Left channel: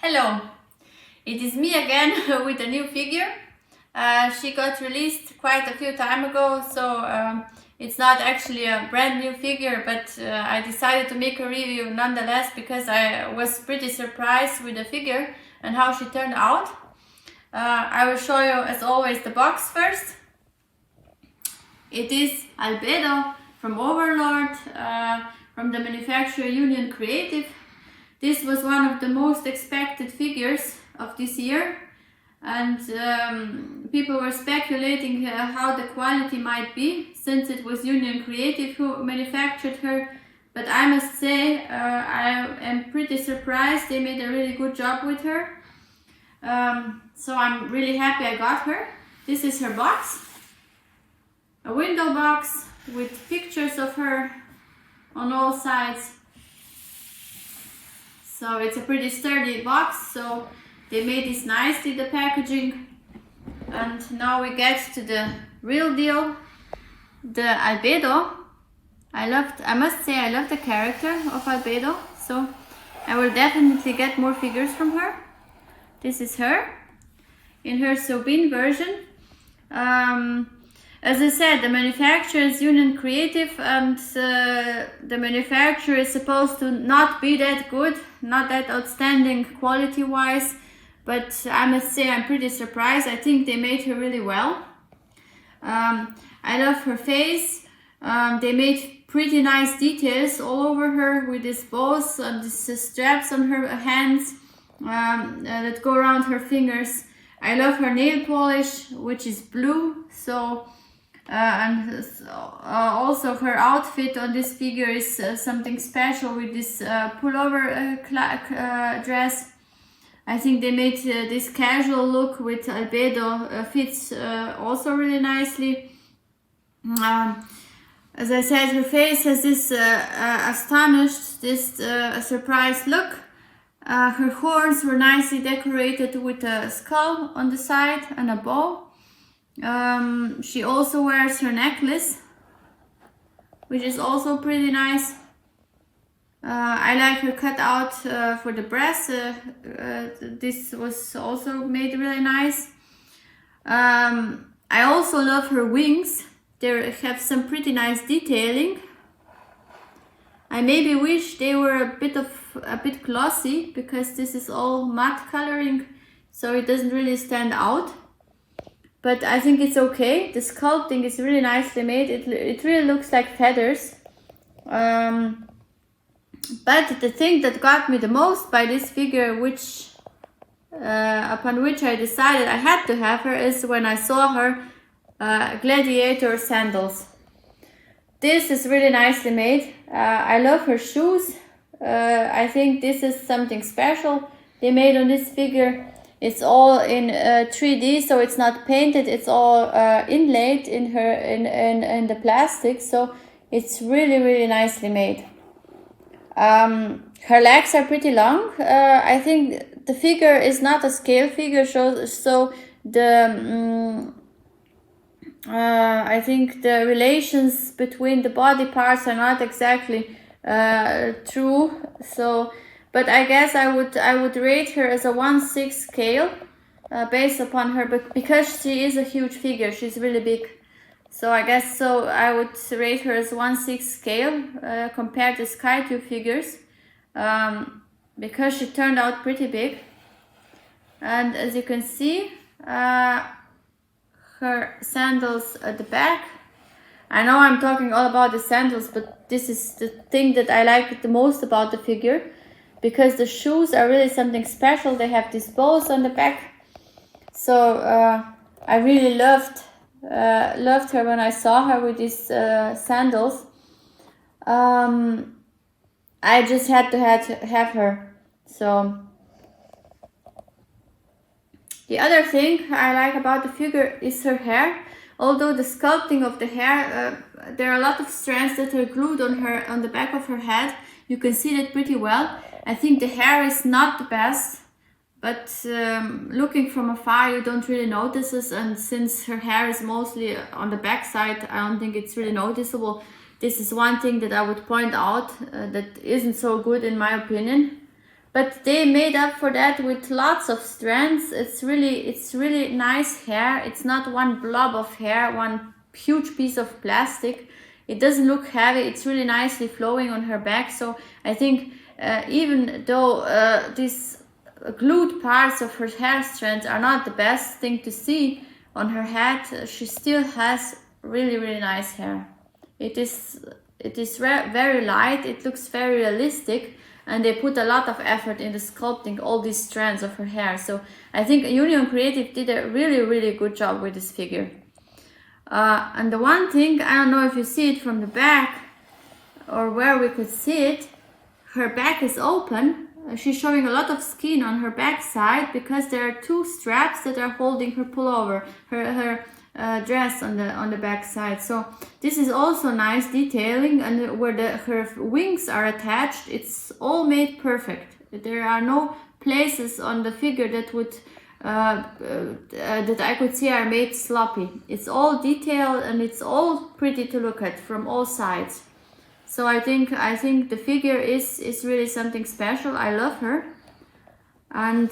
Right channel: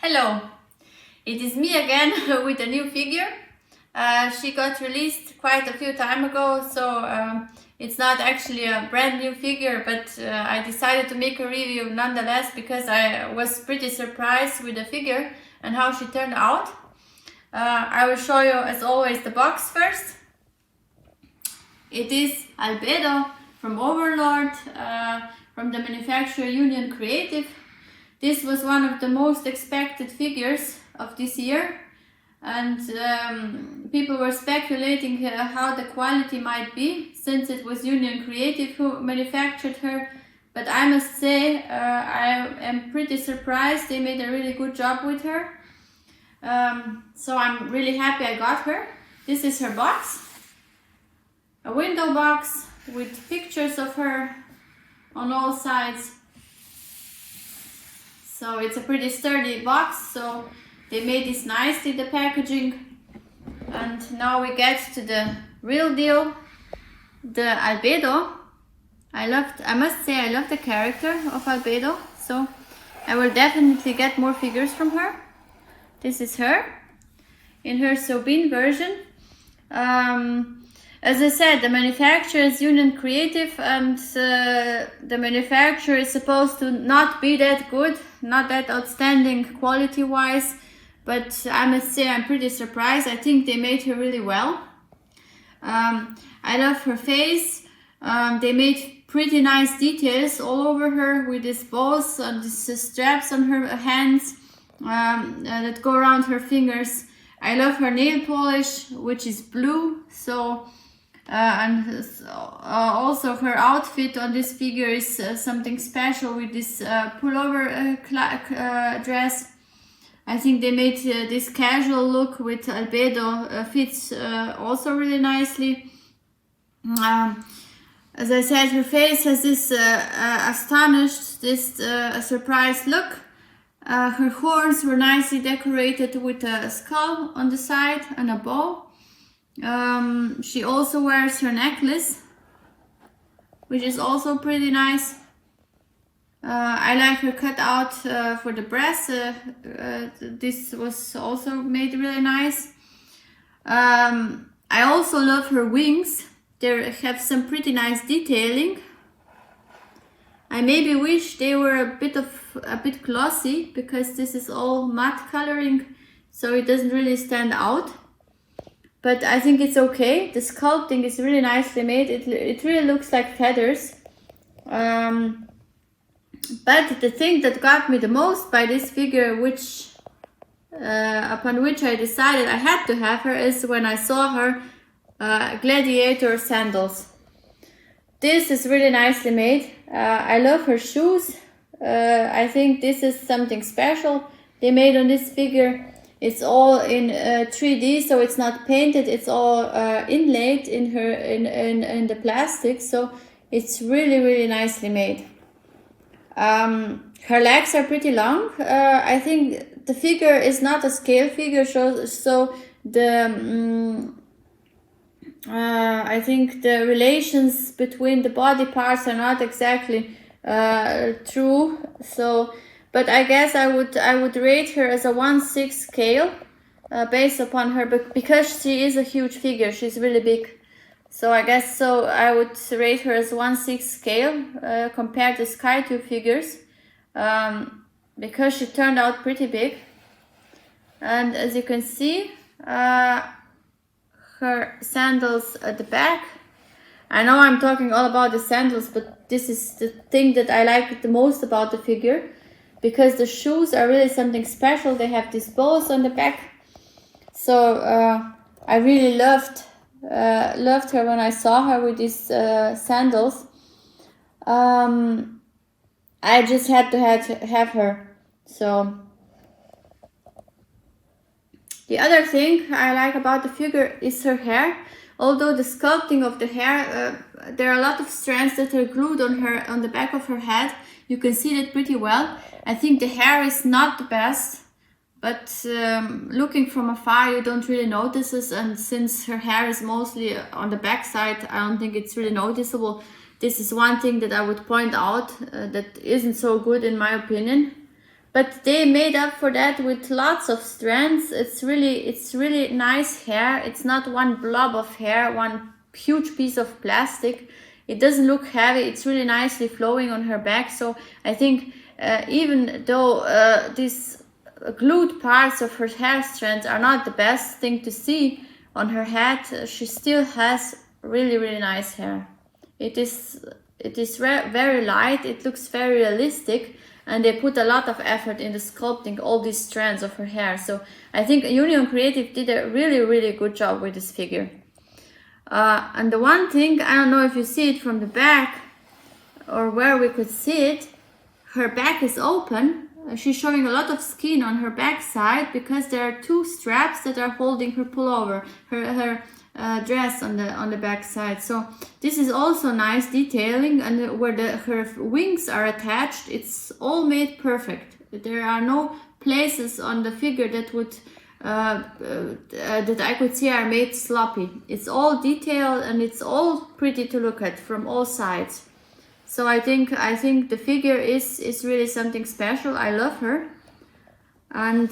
Hello, it is me again with a new figure. She got released quite a few time ago, so it's not actually a brand new figure, but I decided to make a review nonetheless because I was pretty surprised with the figure and how she turned out. I will show you, as always, the box first. It is Albedo from Overlord, from the manufacturer Union Creative. This was one of the most expected figures of this year, and people were speculating how the quality might be, since it was Union Creative who manufactured her. But I must say, I am pretty surprised. They made a really good job with her. So I'm really happy I got her. This is her box. A window box with pictures of her on all sides. So it's a pretty sturdy box, so they made this nicely, the packaging. And now we get to the real deal, the Albedo. I must say I love the character of Albedo, so I will definitely get more figures from her. This is her, in her Sobin version. As I said, the manufacturer is Union Creative, and the manufacturer is supposed to not be that good, not that outstanding quality-wise, but I must say I'm pretty surprised. I think they made her really well. I love her face. They made pretty nice details all over her with these bows and these straps on her hands that go around her fingers. I love her nail polish, which is blue, so and also her outfit on this figure is something special with this pullover dress. I think they made this casual look with Albedo fits also really nicely. As I said, her face has this astonished, this surprised look. Her horns were nicely decorated with a skull on the side and a bow. She also wears her necklace, which is also pretty nice. I like her cutout for the breast. This was also made really nice. I also love her wings. They have some pretty nice detailing. I maybe wish they were a bit glossy, because this is all matte coloring, so it doesn't really stand out. But I think it's okay. The sculpting is really nicely made. It really looks like feathers. But the thing that got me the most by this figure, which upon which I decided I had to have her, is when I saw her Gladiator Sandals. This is really nicely made. I love her shoes. I think this is something special they made on this figure. It's all in 3D, so it's not painted. It's all inlaid in the plastic, so it's really nicely made. Her legs are pretty long. I think the figure is not a scale figure, so the I think the relations between the body parts are not exactly true. So, but I guess I would rate her as a 1/6 scale based upon her, but because she is a huge figure, she's really big. So I guess so I would rate her as 1/6 scale compared to Sky2 figures, because she turned out pretty big. And as you can see, her sandals at the back. I know I'm talking all about the sandals, but this is the thing that I like the most about the figure, because the shoes are really something special. They have these bows on the back. So I really loved her when I saw her with these sandals. I just had to have her. So the other thing I like about the figure is her hair. Although the sculpting of the hair, there are a lot of strands that are glued on the back of her head. You can see that pretty well. I think the hair is not the best, but looking from afar you don't really notice this, and since her hair is mostly on the back side, I don't think it's really noticeable. This is one thing that I would point out that isn't so good in my opinion. but they made up for that with lots of strands. It's really nice hair. It's not one blob of hair, one huge piece of plastic. It doesn't look heavy. It's really nicely flowing on her back. So I think even though these glued parts of her hair strands are not the best thing to see on her head, she still has really nice hair. It is very light. It looks very realistic, and they put a lot of effort into sculpting all these strands of her hair. So I think Union Creative did a really good job with this figure. And the one thing, I don't know if you see it from the back or where we could see it, her back is open. She's showing a lot of skin on her back side because there are two straps that are holding her pullover, her dress on the back side. So this is also nice detailing, and where her wings are attached, it's all made perfect. There are no places on the figure that would that I could see are made sloppy. It's all detailed and it's all pretty to look at from all sides. So I think the figure is really something special. I love her, and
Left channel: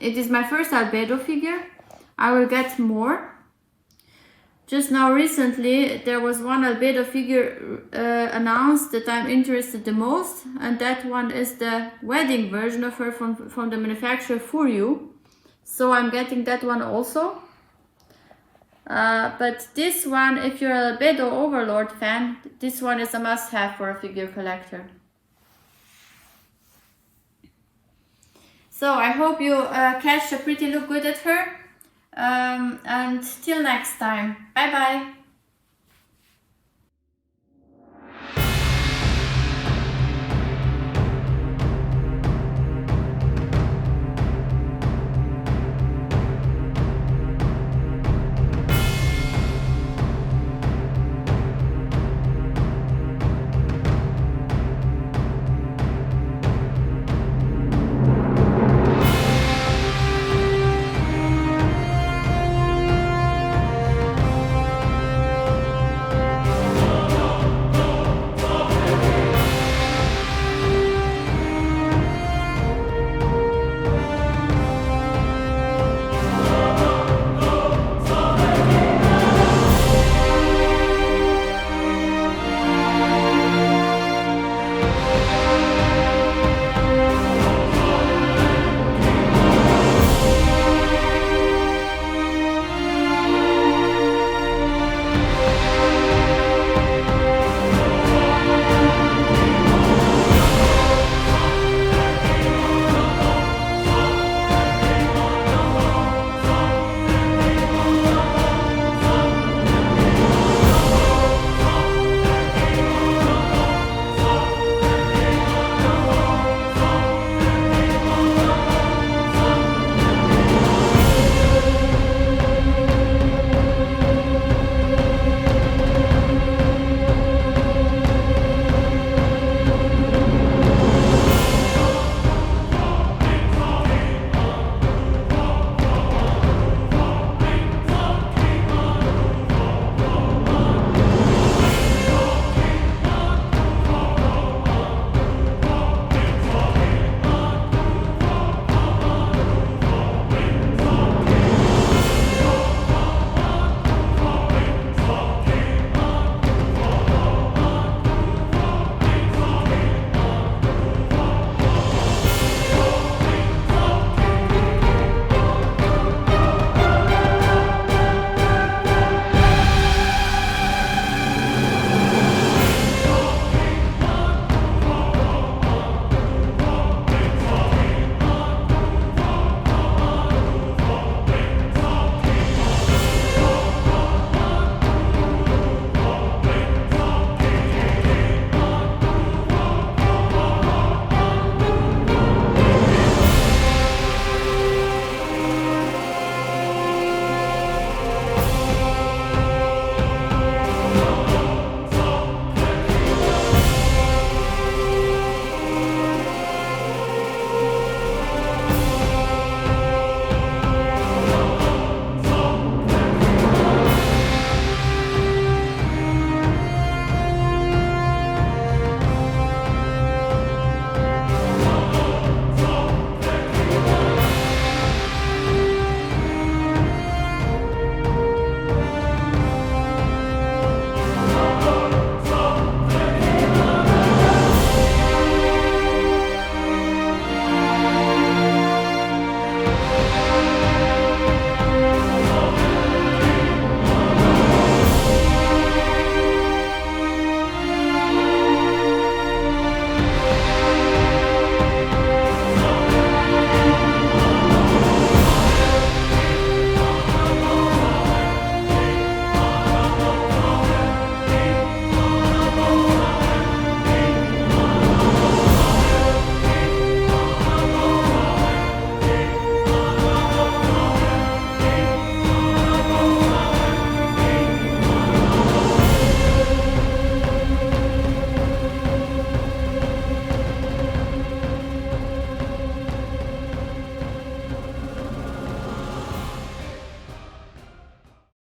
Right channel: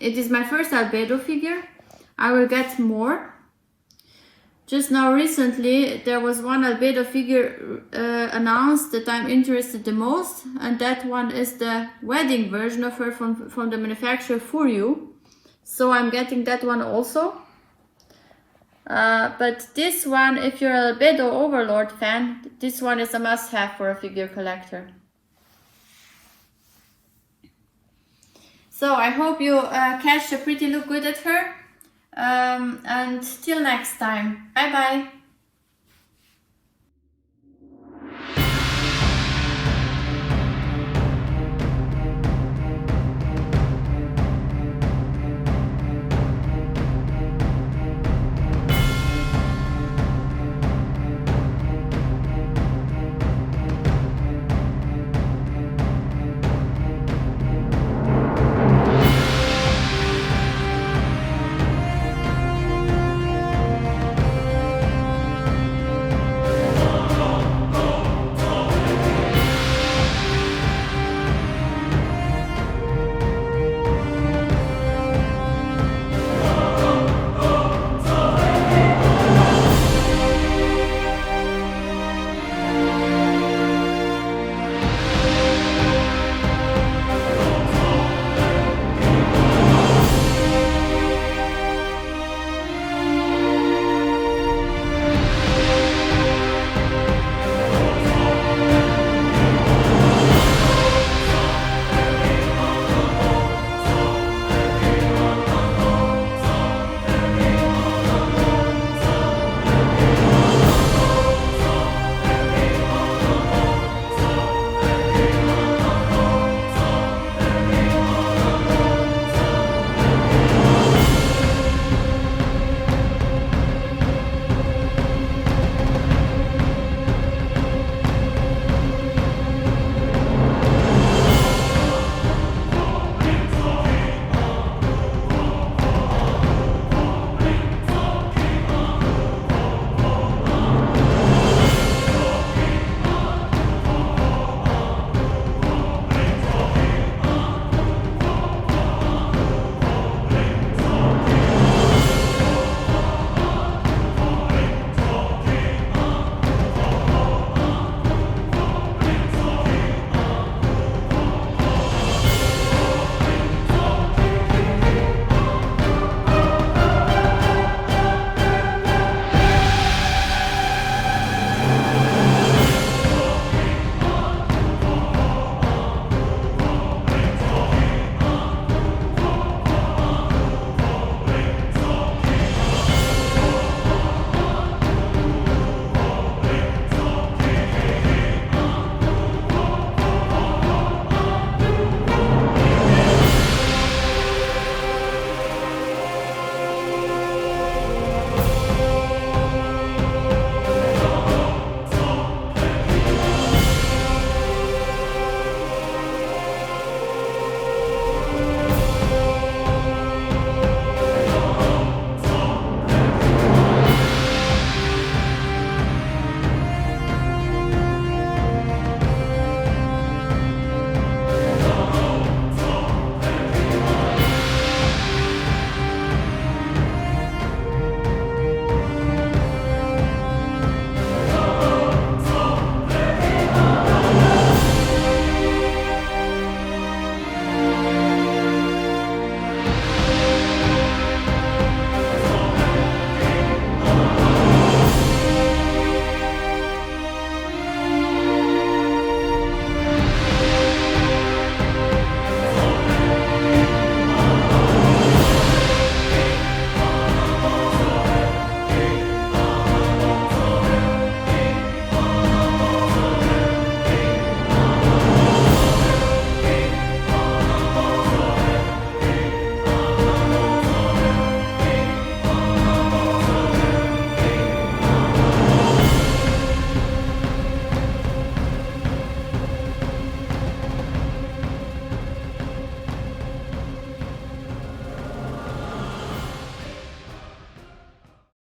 it is my first Albedo figure. I will get more. Just now recently there was one Albedo figure announced that I'm interested the most, and that one is the wedding version of her from the manufacturer Furyu. So I'm getting that one also. But this one, if you're an Albedo Overlord fan, this one is a must-have for a figure collector. So I hope you catch a pretty look good at her. And till next time, bye bye.